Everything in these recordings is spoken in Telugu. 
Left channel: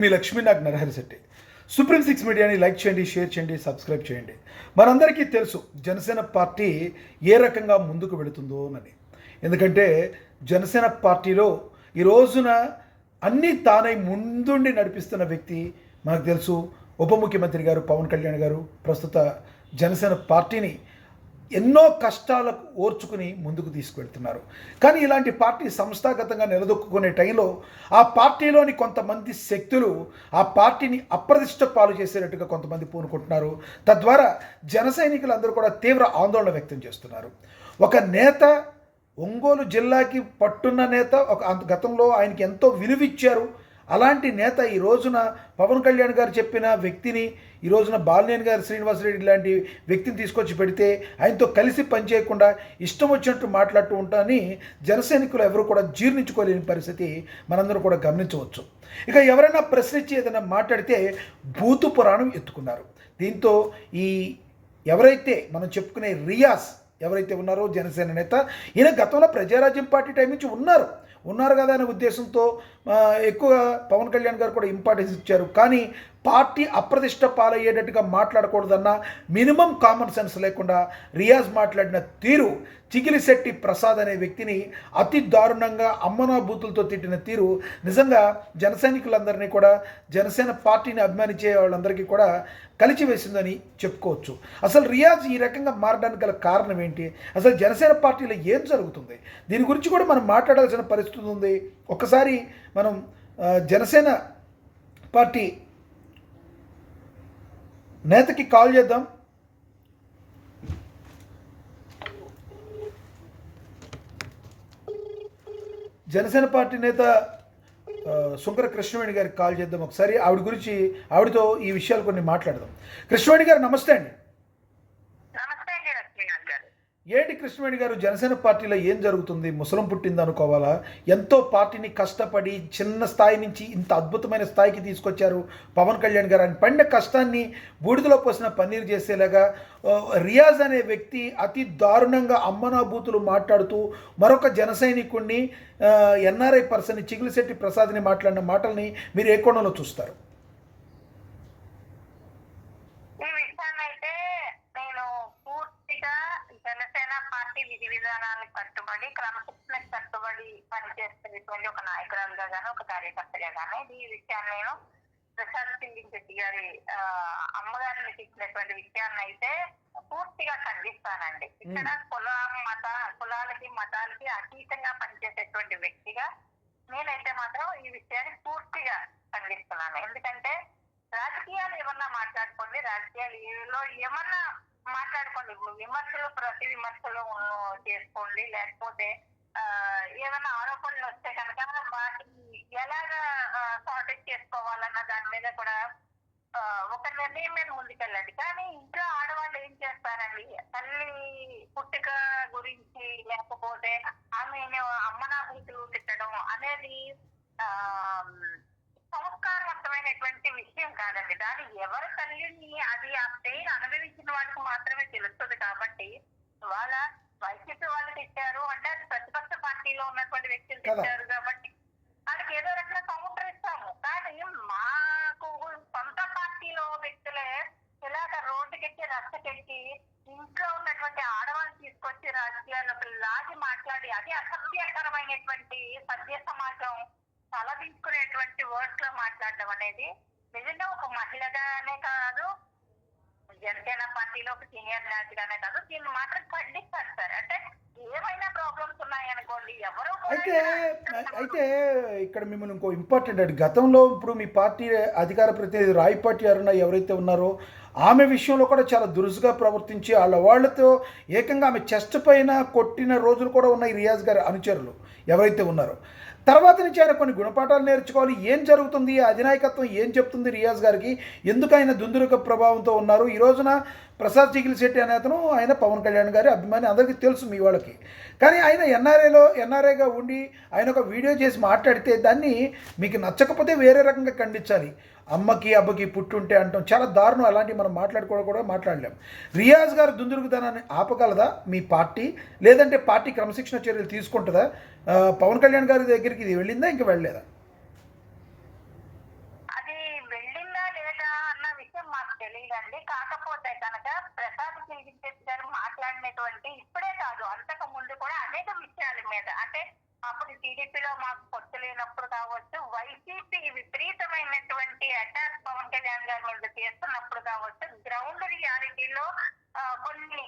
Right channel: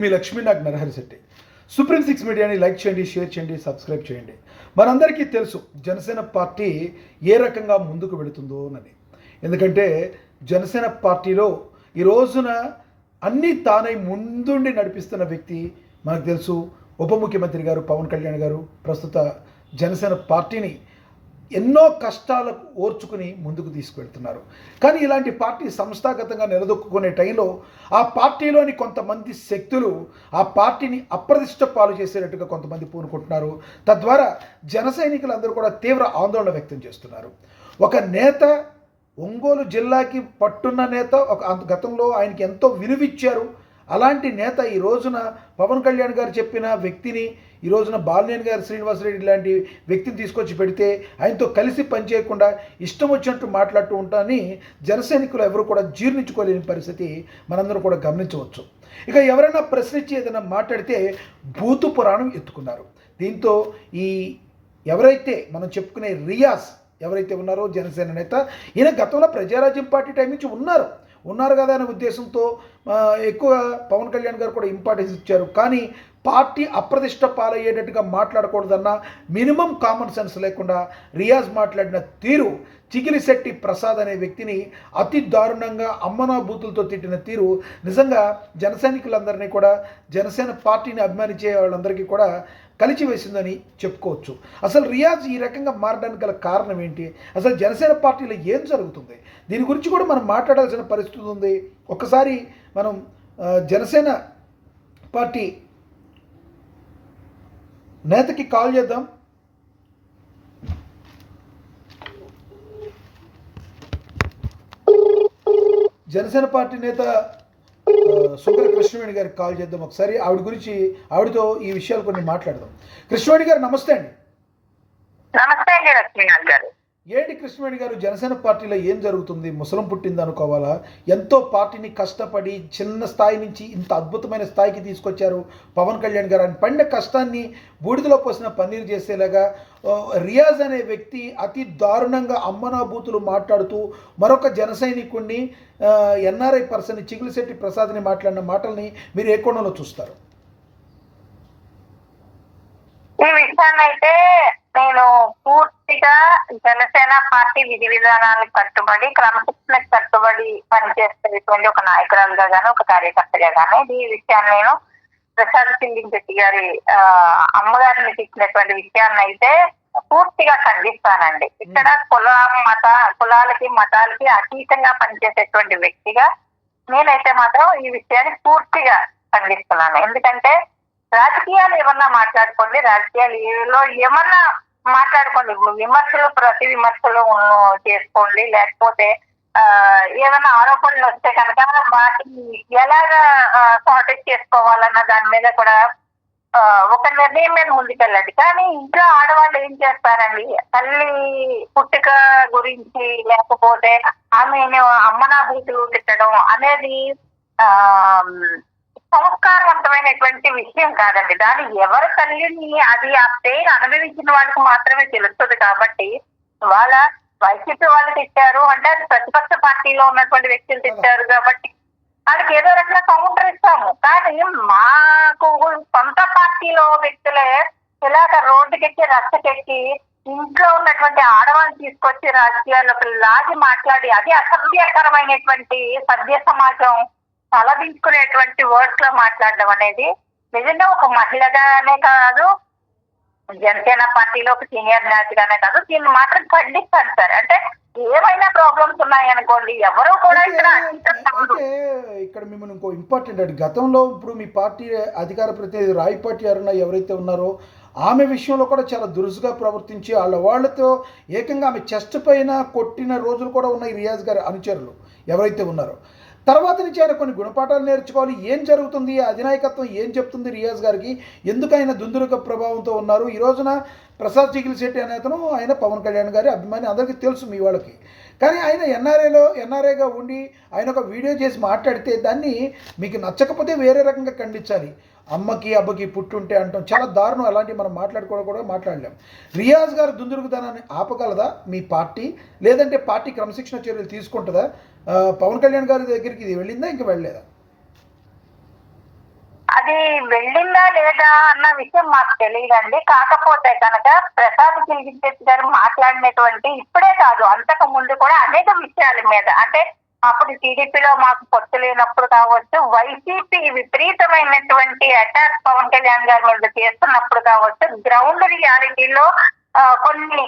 మీ లక్ష్మీనాగ్ నరహరిశెట్టి. సుప్రీం సిక్స్ మీడియాని లైక్ చేయండి, షేర్ చేయండి, సబ్స్క్రైబ్ చేయండి. మనందరికీ తెలుసు జనసేన పార్టీ ఏ రకంగా ముందుకు వెళుతుందో అని. ఎందుకంటే జనసేన పార్టీలో ఈ రోజున అన్నీ తానై ముందుండి నడిపిస్తున్న వ్యక్తి మనకు తెలుసు, ఉప ముఖ్యమంత్రి గారు పవన్ కళ్యాణ్ గారు. ప్రస్తుత జనసేన పార్టీని ఎన్నో కష్టాలకు ఓర్చుకుని ముందుకు తీసుకువెళ్తున్నారు. కానీ ఇలాంటి పార్టీ సంస్థాగతంగా నిలదొక్కునే టైంలో ఆ పార్టీలోని కొంతమంది శక్తులు ఆ పార్టీని అప్రతిష్ట పాలు చేసేటట్టుగా కొంతమంది పూనుకుంటున్నారు. తద్వారా జన సైనికులందరూ కూడా తీవ్ర ఆందోళన వ్యక్తం చేస్తున్నారు. ఒక నేత, ఒంగోలు జిల్లాకి పట్టున్న నేత, గతంలో ఆయనకి ఎంతో విలువిచ్చారు. అలాంటి నేత ఈ రోజున పవన్ కళ్యాణ్ గారు చెప్పిన వ్యక్తిని, ఈ రోజున బాలినేని గారు, శ్రీనివాసరెడ్డి లాంటి వ్యక్తిని తీసుకొచ్చి పెడితే ఆయనతో కలిసి పనిచేయకుండా ఇష్టం వచ్చినట్టు మాట్లాడుతూ ఉంటానని జనసైనికులు ఎవరు కూడా జీర్ణించుకోలేని పరిస్థితి మనందరూ కూడా గమనించవచ్చు. ఇక ఎవరైనా ప్రశ్నించి ఏదైనా మాట్లాడితే భూతు పురాణం ఎత్తుకున్నారు. దీంతో ఈ ఎవరైతే మనం చెప్పుకునే రియాజ్ ఎవరైతే ఉన్నారో జనసేన నేత, ఈయన గతంలో ప్రజారాజ్యం పార్టీ టైం నుంచి ఉన్నారు కదా అనే ఉద్దేశంతో ఎక్కువ పవన్ కళ్యాణ్ గారు కూడా ఇంపార్టెన్స్ ఇచ్చారు. కానీ పార్టీ అప్రతిష్ట పాలయ్యేటట్టుగా మాట్లాడకూడదన్న మినిమం కామన్ సెన్స్ లేకుండా రియాజ్ మాట్లాడిన తీరు, చిగిలిశెట్టి ప్రసాద్ అనే వ్యక్తిని అతి దారుణంగా అమ్మనా బూతులతో తిట్టిన తీరు నిజంగా జన సైనికులందరినీ కూడా, జనసేన పార్టీని అభిమానించే వాళ్ళందరికీ కూడా కలిచివేసిందని చెప్పుకోవచ్చు. అసలు రియాజ్ ఈ రకంగా మారడానికి గల కారణం ఏంటి? అసలు జనసేన పార్టీలో ఏం జరుగుతుంది? దీని గురించి కూడా మనం మాట్లాడాల్సిన పరిస్థితి ఉంది. ఒక్కసారి మనం జనసేన పార్టీ నేతకి కాల్ చేద్దాం. జనసేన పార్టీ నేత శుంకర కృష్ణవేణి గారికి కాల్ చేద్దాం. ఒకసారి ఆవిడతో ఈ విషయాలు కొన్ని మాట్లాడదాం. కృష్ణవేణి గారు నమస్తే అండి. నమస్తే అండి లక్ష్మీనాథ్ గారు. ఏంటి కృష్ణవేణి గారు, జనసేన పార్టీలో ఏం జరుగుతుంది? ముసలం పుట్టింది అనుకోవాలా? ఎంతో పార్టీని కష్టపడి చిన్న స్థాయి నుంచి ఇంత అద్భుతమైన స్థాయికి తీసుకొచ్చారు పవన్ కళ్యాణ్ గారు. ఆయన పడిన కష్టాన్ని బూడిదలో పోసిన పన్నీరు చేసేలాగా రియాజ్ అనే వ్యక్తి అతి దారుణంగా అమ్మనాభూతులు మాట్లాడుతూ మరొక జన సైనికుడిని, ఎన్ఆర్ఐ పర్సన్ని, చిగిలిశెట్టి ప్రసాద్ని మాట్లాడిన మాటల్ని మీరు ఏ కోణంలో చూస్తారు? ఈ విషయాన్ని అయితే నేను పూర్తిగా జనసేన పార్టీ విధి విధానాలకు కట్టుబడి, క్రమశిక్షణకు కట్టుబడి పనిచేసేటువంటి ఒక నాయకురాలుగా గాను, ఒక కార్యకర్తగా గాను ఈ విషయాన్ని నేను ప్రసాద్ సింగింశెట్టి గారి అమ్మగారిని ఇచ్చినటువంటి విషయాన్ని అయితే పూర్తిగా ఖండిస్తానండి. ఇక్కడ కులాలకి మతాలకి అతీతంగా పనిచేసేటువంటి వ్యక్తిగా నేనైతే మాత్రం ఈ విషయాన్ని పూర్తిగా ఖండిస్తున్నాను. ఎందుకంటే రాజకీయాలు ఏమన్నా మాట్లాడుకోండి, రాజకీయాలలో ఏమన్నా మాట్లాడుకోండి, విమర్శలు ప్రతి విమర్శలు చేసుకోండి, లేకపోతే ఏమైనా ఆరోపణలు వస్తే కనుక వాటిని ఎలాగా సార్టెట్ చేసుకోవాలన్న దాని మీద కూడా ఒక నిర్ణయం మీద ముందుకెళ్ళండి. కానీ ఇంట్లో ఆడవాళ్ళు ఏం చేస్తారండి, తల్లి పుట్టుక గురించి లేకపోతే ఆమె అమ్మనాభూతులు తిట్టడం అనేది సంస్కారవంతమైనటువంటి విషయం కాదండి. దాని ఎవరి తల్లిని అది ఆ పేరు అనుభవించిన వాళ్ళకి మాత్రమే తెలుస్తుంది. కాబట్టి వాళ్ళ వైసీపీ వాళ్ళు తిట్టారు అంటే అది ప్రతిపక్ష పార్టీలో ఉన్నటువంటి వ్యక్తులు తిట్టారు కాబట్టి వాళ్ళకి ఏదో రకంగా కౌంటర్ ఇస్తాము. కానీ మాకు సొంత పార్టీలో వ్యక్తులే ఇలాగ రోడ్డుకెక్కి రచ్చకెక్కి ఇంట్లో ఉన్నటువంటి ఆడవాళ్ళు తీసుకొచ్చి రాజకీయాల్లోకి లాగి మాట్లాడి అది అసభ్యకరమైనటువంటి సభ్య సమాజం తలదించుకునేటువంటి వర్డ్స్ లో మాట్లాడడం అనేది నిజంగా ఒక మహిళగానే కాదు, జనసేన పార్టీలో ఒక సీనియర్ నేతగానే కాదు, దీన్ని మాత్రం ఖండిస్తాను సార్. అంటే ఏమైనా ప్రాబ్లమ్స్ ఉన్నాయనుకోండి, ఎవరు కూడా అయితే ఇక్కడ మిమ్మల్ని ఇంకో ఇంపార్టెంట్ అండి. గతంలో ఇప్పుడు మీ పార్టీ అధికార ప్రతినిధి రాయపాటి అరుణ ఎవరైతే ఉన్నారో ఆమె విషయంలో కూడా చాలా దురుసుగా ప్రవర్తించి వాళ్ళతో ఏకంగా ఆమె చెస్ట్ పైన కొట్టిన రోజులు కూడా ఉన్నాయి. రియాజ్ గారి అనుచరులు ఎవరైతే ఉన్నారో తర్వాత నుంచి ఆయన కొన్ని గుణపాఠాలు నేర్చుకోవాలి. ఏం జరుగుతుంది, అధినాయకత్వం ఏం చెప్తుంది రియాజ్ గారికి, ఎందుకు ఆయన దుందురుక ప్రభావంతో ఉన్నారు? ఈ రోజున ప్రసాద్ చిగిలిశెట్టి అనే అతను ఆయన పవన్ కళ్యాణ్ గారి అభిమాని, అందరికీ తెలుసు మీ వాళ్ళకి. కానీ ఆయన ఎన్ఆర్ఐగా ఉండి ఆయన ఒక వీడియో చేసి మాట్లాడితే దాన్ని మీకు నచ్చకపోతే వేరే రకంగా ఖండించాలి. అమ్మకి అబ్బకి పుట్టుంటే అంటాం చాలా దారుణం. అలాంటివి మనం కూడా మాట్లాడలేం. రియాజ్ గారు దుందురుగుదనాన్ని ఆపగలదా మీ పార్టీ? లేదంటే పార్టీ క్రమశిక్షణ చర్యలు తీసుకుంటుందా? పవన్ కళ్యాణ్ గారి దగ్గరికి ఇది వెళ్ళిందా, ఇంకా వెళ్ళలేదా? అది అది వెళ్ళిందా లేదా అన్న విషయం మాకు తెలియదండి. కాకపోతే కనుక ప్రసాద్ కిల్గిశెట్టి గారు మాట్లాడినటువంటి ఇప్పుడే కాదు, అంతకు ముందు కూడా అనేక విషయాల మీద, అంటే అప్పుడు టీడీపీలో మాకు పొత్తు లేనప్పుడు కావచ్చు, వైసీపీ విపరీతమైనటువంటి అటాక్ పవన్ కళ్యాణ్ గారి మీద చేస్తున్నప్పుడు కావచ్చు, గ్రౌండ్ రియాలిటీలో కొన్ని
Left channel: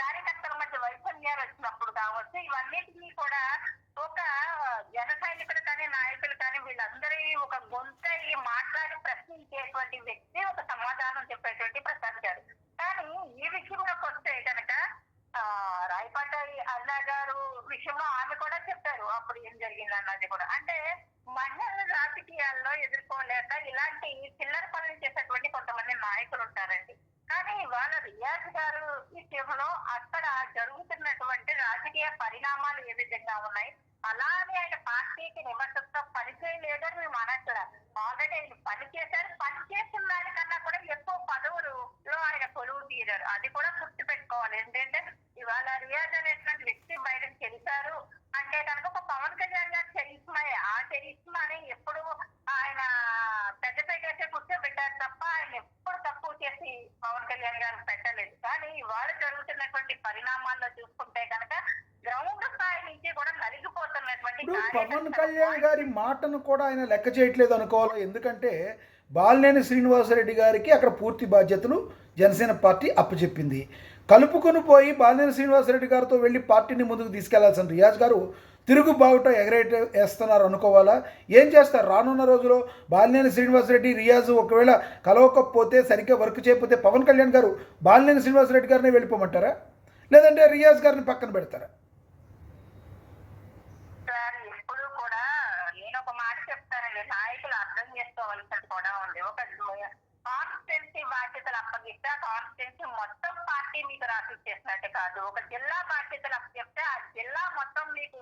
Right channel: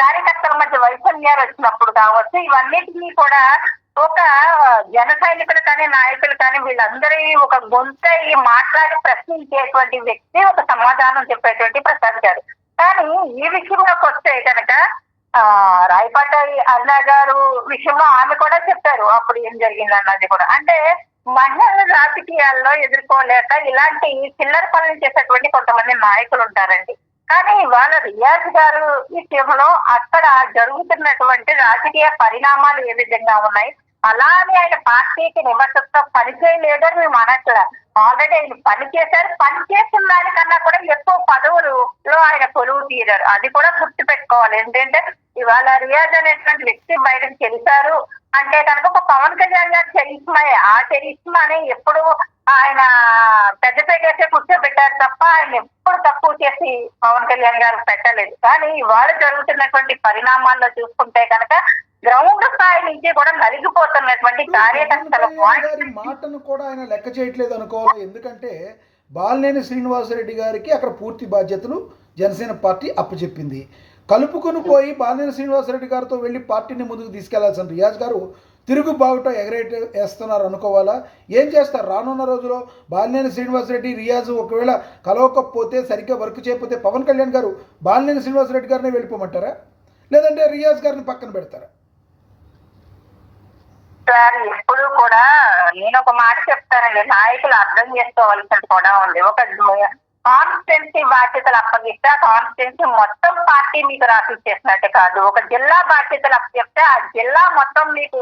కార్యకర్తల మధ్య వైఫల్యాలు వచ్చినప్పుడు కావచ్చు, ఇవన్నిటినీ కూడా ఒక జన సైనికులు కానీ నాయకులు కానీ వీళ్ళందరి ఒక గొంతై మాట్లాడి ప్రశ్నించేటువంటి వ్యక్తి, ఒక సమాధానం చెప్పేటువంటి ప్రసాద్ గారు. కానీ ఈ విషయంలోకి వస్తే కనుక రాయపాటి అరుణ గారు విషయంలో ఆమె కూడా చెప్పారు అప్పుడు ఏం జరిగింది అన్నది కూడా. అంటే మహిళల రాజకీయాల్లో ఎదుర్కోలేక ఇలాంటి చిల్లర పనులు చేసేటువంటి కొంతమంది నాయకులు ఉంటారండి. కానీ ఇవాళ రియాజ్ గారు విషయంలో అక్కడ జరుగుతున్నటువంటి రాజకీయ పరిణామాలు ఏ విధంగా ఉన్నాయి, అలానే ఆయన పార్టీకి నిబద్ధతతో పనిచేయలేదని మేము అనట్లా. ఆల్రెడీ ఆయన పనిచేశారు, పనిచేసిన దానికన్నా కూడా ఎక్కువ పదవులలో ఆయన కొలువు తీరారు. అది కూడా గుర్తు పెట్టుకోవాలి. ఏంటంటే ఇవాళ రియాజ్ అనేటువంటి వ్యక్తి బయటకు తెలిసారు అంటే కనుక ఒక పవన్ కళ్యాణ్ గారు చరిష్మాయే. ఆ చరిష్మాని ఎప్పుడు ఆయన పెద్దపేటేసే కూర్చోబెట్టారు తప్ప ఆయన ఎప్పుడు తక్కువ చేసి పవన్ కళ్యాణ్ గారు పెట్టలేదు. కానీ ఇవాళ జరుగుతున్నటువంటి పరిణామాల్లో చూసుకుంటే కనుక గ్రౌండ్ స్థాయి నుంచి కూడా నలిగిపోతున్నటువంటి కార్యకర్తల గారి మాటను కూడా ఆయన లెక్క చేయట్లేదు అనుకోవాలి. ఎందుకంటే బాలినేని శ్రీనివాసరెడ్డి గారికి అక్కడ పూర్తి బాధ్యతలు జనసేన పార్టీ అప్పచెప్పింది. కలుపుకొని పోయి బాలినేని శ్రీనివాసరెడ్డి గారితో వెళ్ళి పార్టీని ముందుకు తీసుకెళ్లాల్సిన రియాజ్ గారు తిరుగు బావుట వేస్తున్నారు అనుకోవాలా? ఏం చేస్తారు రానున్న రోజుల్లో? బాలినేని శ్రీనివాసరెడ్డి రియాజ్ ఒకవేళ కలవకపోతే, సరిగ్గా వర్క్ చేయకపోతే పవన్ కళ్యాణ్ గారు బాలినేని శ్రీనివాసరెడ్డి గారిని వెళ్ళిపోమంటారా, లేదంటే రియాజ్ గారిని పక్కన పెడతారా? సార్ ఎప్పుడు కూడా నేను ఒక మాట చెప్తానండి, నాయకులు అర్థం చేసుకోవాల్సింది కూడా ఉంది. ఒక కాన్స్టిట్యున్సీ బాధ్యతలు అప్పగిస్తే ఆ కాన్స్టిట్యున్సీ మొత్తం పార్టీ మీకు రాసిచ్చేసినట్టు కాదు. ఒక జిల్లా బాధ్యతలు అప్పగిస్తే ఆ జిల్లా మొత్తం మీకు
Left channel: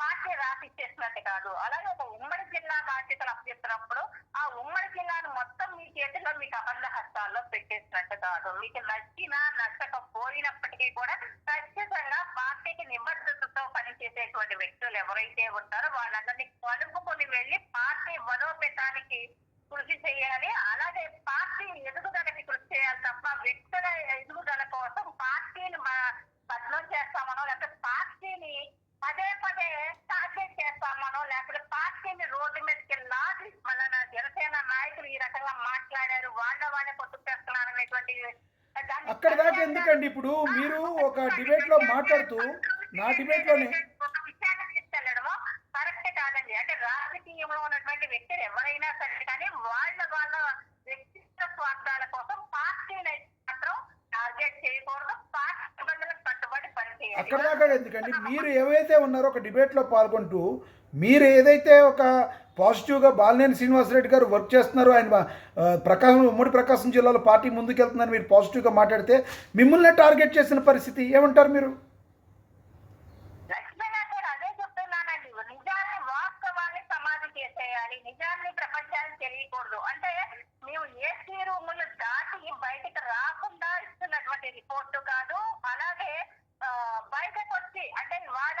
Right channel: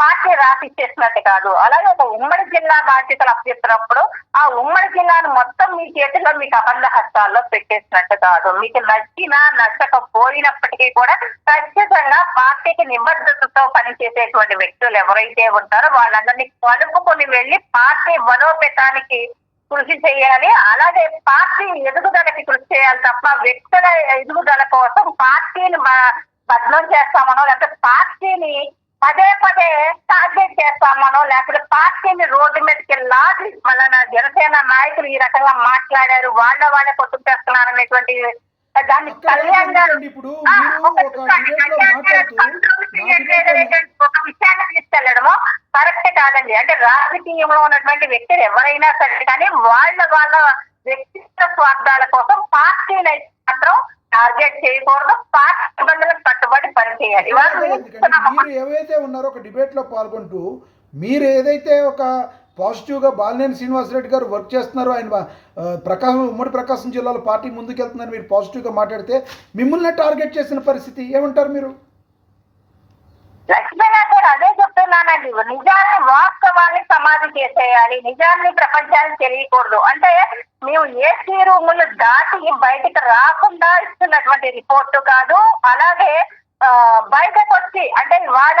పార్టీ రాసిచ్చేసినట్టు కాదు. అలాగే ఒక ఉమ్మడి జిల్లా బాధ్యతలు అప్పచెప్పినప్పుడు ఆ ఉమ్మడి జిల్లాను మొత్తం మీ చేతిలో మీకు అబంధ హస్తాల్లో పెట్టేసినట్టు కాదు. మీకు నచ్చినా నచ్చకపోయినప్పటికీ కూడా ఖచ్చితంగా పార్టీకి నిబద్ధతతో పనిచేసేటువంటి వ్యక్తులు ఎవరైతే ఉంటారో వాళ్ళందరినీ కలుపుకొని వెళ్ళి పార్టీ బలోపేతానికి కృషి చేయాలి. అలాగే పార్టీ ఎదుగుదలకి కృషి చేయాలి తప్ప వ్యక్తుల ఎదుగుదల కోసం పార్టీని బద్నం చేస్తామనో, లేకపోతే పార్టీని పదే పదే టార్గెట్ చేస్తామనో, లేకపోతే పార్టీని రోడ్డు మీదకి లాగి మన జనసేన నాయకులు ఈ రకంగా మాట్లాడారు, వాళ్ళే పొత్తు చేస్తున్నారు అనేటువంటి దాన్ని ఇప్పుడు మీరు ఒక డిబేట్ లో మాట్లాడుతూ ఒక విషయాన్ని తీసుకెళ్లడము కరెక్ట్ కాదండి. అంటే రాజకీయంలో ఉన్నటువంటి వ్యక్తులు ఎవరైనా సరే కానీ వాళ్ళ వ్యక్తిగత స్వార్థాల కోసం పార్టీని మాత్రం టార్గెట్ చేయకూడదు, పార్టీ నిబంధనలకు కట్టుబడి పనిచేయాలి. మీరు ఏవైతే ఉన్నారో ఒక డిబేట్ లో పాల్గొంటూ మీరు ఏదైతే ఒక పాజిటివ్గా బాలినేని శ్రీనివాసరెడ్డి గారు వర్క్ చేస్తున్నారు, ఆయన ఉమ్మడి ప్రకాశం జిల్లాలో పార్టీ ముందుకెళ్తున్నారు, మీరు పాజిటివ్గా మాట్లాడితే మిమ్మల్ని టార్గెట్ చేసిన పరిస్థితి ఏమంటారు మీరు? లక్ష్మీనాథ్ గారు అదే చెప్తున్నానండి, నిజాన్ని వాస్తవాన్ని సమాధి చేసేయాలి, నిజాన్ని ప్రపంచానికి తెలియకూడదు. అంటే మేము ఏసీ రూములు దాటి బయటకు రాకుండా ఇస్తున్నటువంటి రిపోర్టు కాదు. అలాగే బయటకు వచ్చి అంటే ఇవాళ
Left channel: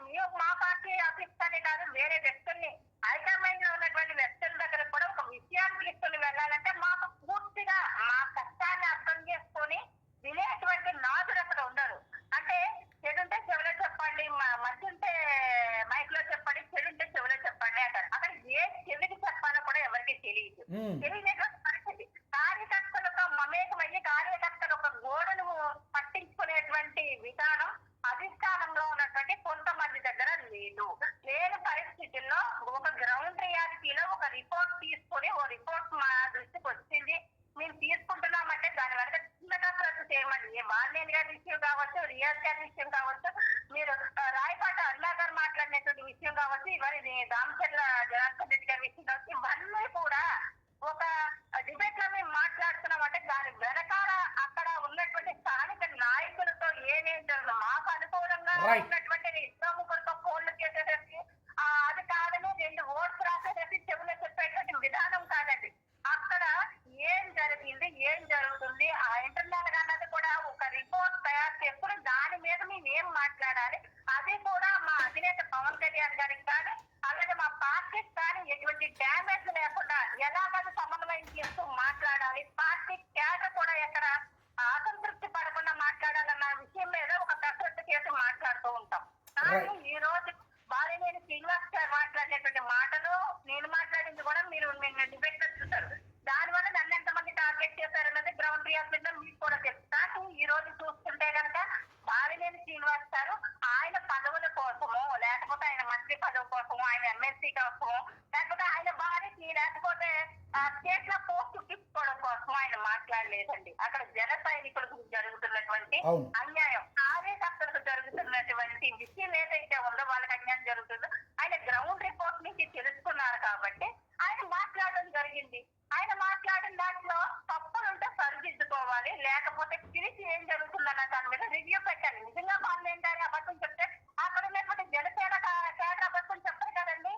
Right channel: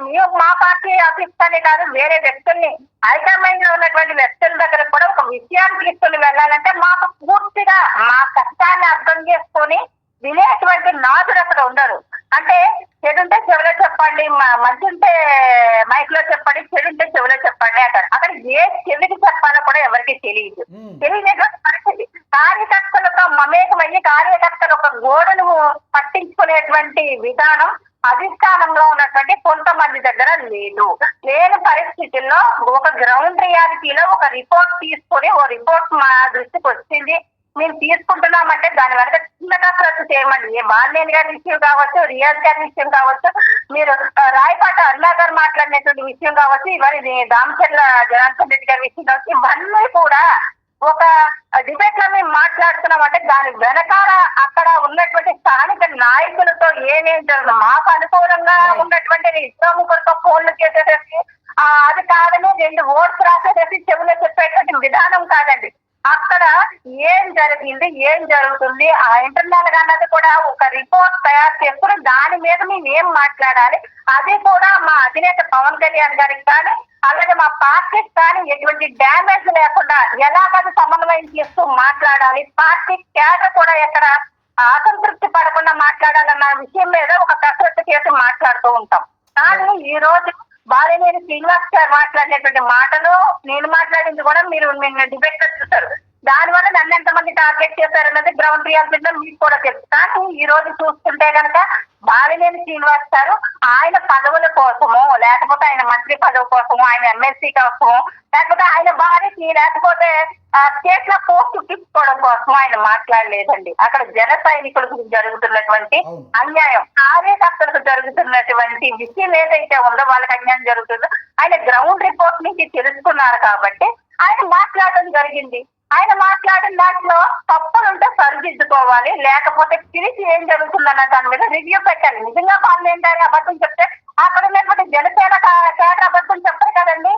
మేము మా పార్టీ ఆఫీస్ అనే కాదు, వేరే వ్యక్తుల్ని హైకమాండ్ లో ఉన్నటువంటి వ్యక్తుల దగ్గర కూడా ఒక విషయాన్ని తీసుకుని వెళ్ళాలంటే మాకు పూర్తిగా మా కష్టాన్ని అర్థం చేసుకొని వినేటువంటి నాదుడు అక్కడ ఉండరు. అంటే చెడుంటే చెవిలో చెప్పండి, మంచి ఉంటే మైక్ లో చెప్పండి, చెడుంటే చెవిలో చెప్పండి అంటారు. అక్కడ ఏ చెవికి చెప్పాలో కూడా ఎవరికి తెలియదు. తెలియనటువంటి పరిస్థితి. కార్యకర్తలతో మమేకమయ్యి కార్యకర్తలు ఒక గోడను పట్టించుకునేటువంటి విధానం అధిష్టానంలో ఉన్నటువంటి కొంతమంది దగ్గర లేదు. లేని పరిస్థితుల్లో ఒక గ్రౌండ్ రియాలిటీలో ఒక రిపోర్ట్ తీసుకొని ఓ రిపోర్ట్ మా దృష్టికి వచ్చింది, మేము తీసుకుంటున్నామంటే దాని వరకు చిన్నగా ప్రతి చేయమండి. బాలినేని గారి విషయం కావచ్చు, రియాజ్ గారి విషయం కావచ్చు, మీరు రాయపాటి అరుణ గారు మాట్లాడినటువంటి విషయం కావచ్చు, ఇవన్నీ దామచర్ల జనార్దన్ రెడ్డి గారి విషయం కావచ్చు, ఇవన్నీ కూడా ఒక డిబేట్ లో మేము మాట్లాడుతున్నామంటే దాని వెనకాల అక్కడ ఉన్నటువంటి స్థానిక నాయకులతో ఏమేం జరుగుతుంది, మాకు అనుకూలంగా ఉన్నటువంటి ఇద్దరు ముగ్గురితో ఫోన్లు చేసేసేసి అది కాదని 2 ఓట్స్ రాసేసేసి చెవులో చెప్పేటువంటి విధానం కాదండి. అక్కడ ఏం జరిగింది, ఏం జరుగుతుంది, ఆ ఇంటర్నల్ గా అన్నది కూడా ఒక రిపోర్ట్ తయారు చేసుకుని దాని మీద మేము ఏం మాట్లాడాలి, అది కూడా మా అధినేత పవన్ కళ్యాణ్ గారికి కానీ అలాగే మా పార్టీకి కానీ ఎటువంటి డ్యామేజ్ లేకుండా ఎలాగది సమన్వయం చేస్తూ మాట్లాడాలి, పార్టీ క్యాడర్ కూడా ఎక్కడ అసంతృప్తి పడకుండా మాట్లాడాలన్న విషయం మీద ఒక కసరత్తు చేసి మాట్లాడుతూ ఉంటాం. కానీ ఈ రోజు బాలినేని శ్రీనివాస్ గారు మాట్లాడినటువంటి మాటలు, నేను మాట్లాడింది కూడా మీరు నిన్న డిబేట్ చూస్తారు. దానివల్ల నన్ను ఎంతమంది టార్గెట్ చేశారన్నది గ్రౌండ్ రియాలిటీలో మీకు కూడా తెలుసు. కానీ ఈ రోజు చూస్తుంటే కనుక బాలినేని శ్రీనివాస్ గారు ఆయన పదవుల కోసమో లేకపోతే ఆయన మంత్రి పదవి కోసమో ఆయన ఎమ్మెల్సీ కోసమో లేకపోతే ఆయన భార్యకి లేకపోతే స్టేట్ లో పోస్ట్ తీసుకోవడం కోసం ఆయన మాట్లాడలేదండి. అక్కడ జన సైనికులకు జరుగుతున్నటువంటి అన్యాయం, కార్యకర్తలకు జరుగుతున్నటువంటి విషయం ఏదైతే ఉందో వాళ్ళకి అన్యాయం జరుగుతుందో ఆయన గ్రౌండ్ రిపోర్ట్ నుంచి తెలుసుకున్నారు కాబట్టి ఆయన మాట్లాడడం జరిగింది. ఆయన మాట్లాడిన దాంట్లో తప్పులుంటే సరిదిద్దుకోవాలి, లేకపోతే పిలిచి ఏం జరుగుతుందన్న దాని మీద రివ్యూ పెట్టాలి. నిజంగా వాళ్ళు ఏంటని అబద్ధం చెప్తే అక్కడ ఉన్నటువంటి జనసేన కేటర్ అబద్ధం చెప్పరు కదండి.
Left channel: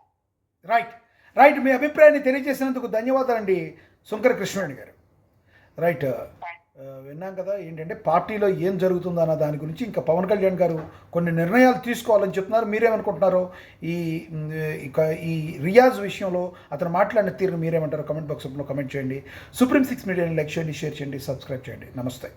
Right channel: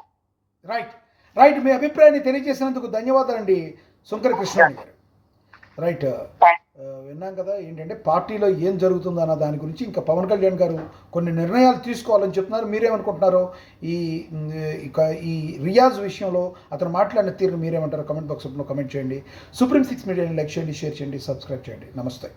రైట్ మీ అభిప్రాయాన్ని తెలియజేసినందుకు ధన్యవాదాలండి శంకర కృష్ణారావు గారు. రైట్, విన్నాం కదా ఏంటంటే పార్టీలో ఏం జరుగుతుందో అన్న దాని గురించి ఇంకా పవన్ కళ్యాణ్ గారు కొన్ని నిర్ణయాలు తీసుకోవాలని చెప్తున్నారు. మీరేమనుకుంటున్నారో ఈ రియాజ్ విషయంలో అతను మాట్లాడిన తీరును మీరేమంటారో కమెంట్ బాక్స్లో కమెంట్ చేయండి. సుప్రీం 6 మీడియాని లైక్ చేయండి, షేర్ చేయండి, సబ్స్క్రైబ్ చేయండి. నమస్తే.